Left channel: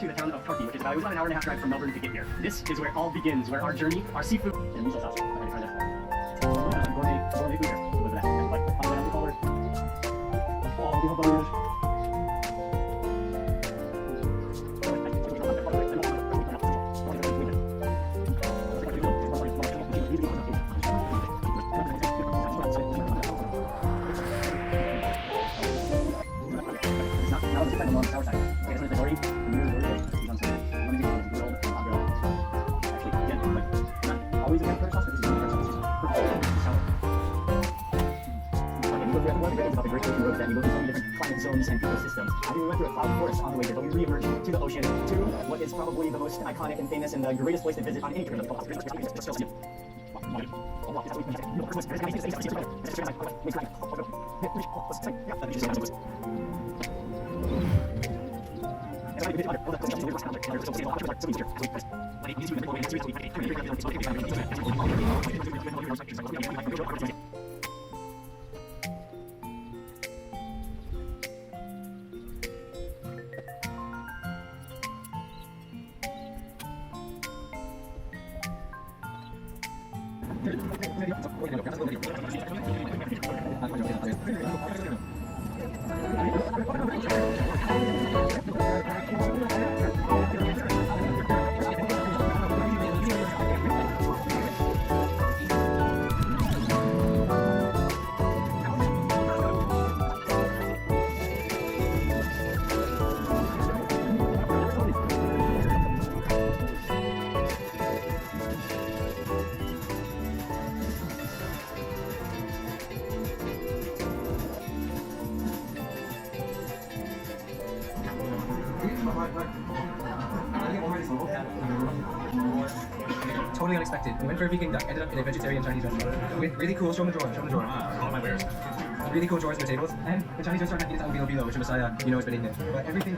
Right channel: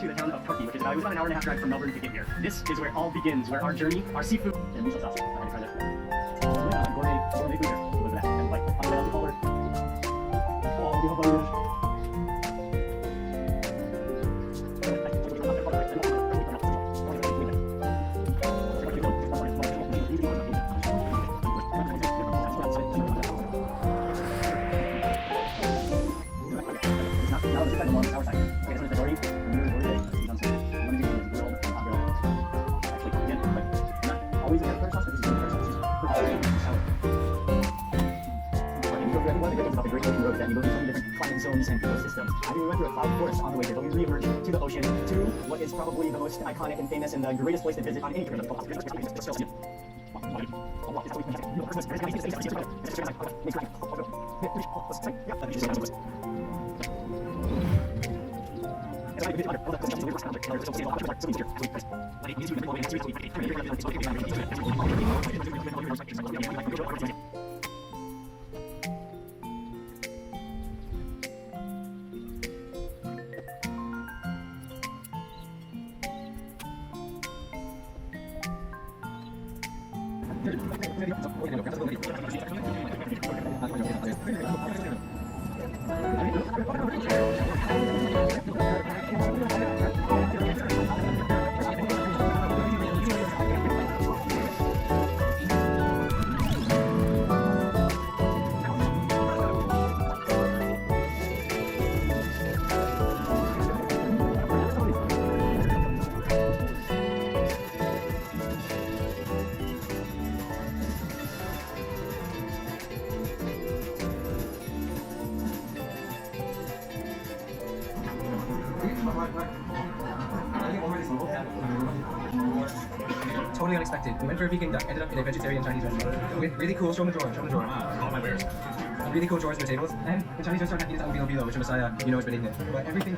To the town of Turkey, which is about an hour and a half drive from Melbourne to get there. This is where it all begins, where our journey, our seafood. To the ocean, to what is probably the most iconic and famous and the greatest place to visit on any trip. Totally unexpected. We went for a vegan duck, ended up in a vegetarian Chinese restaurant. Really cool, show me drawer. Really cool drawers for tables. And the Chinese restaurant is only Obilo, which was it's been eaten. But everything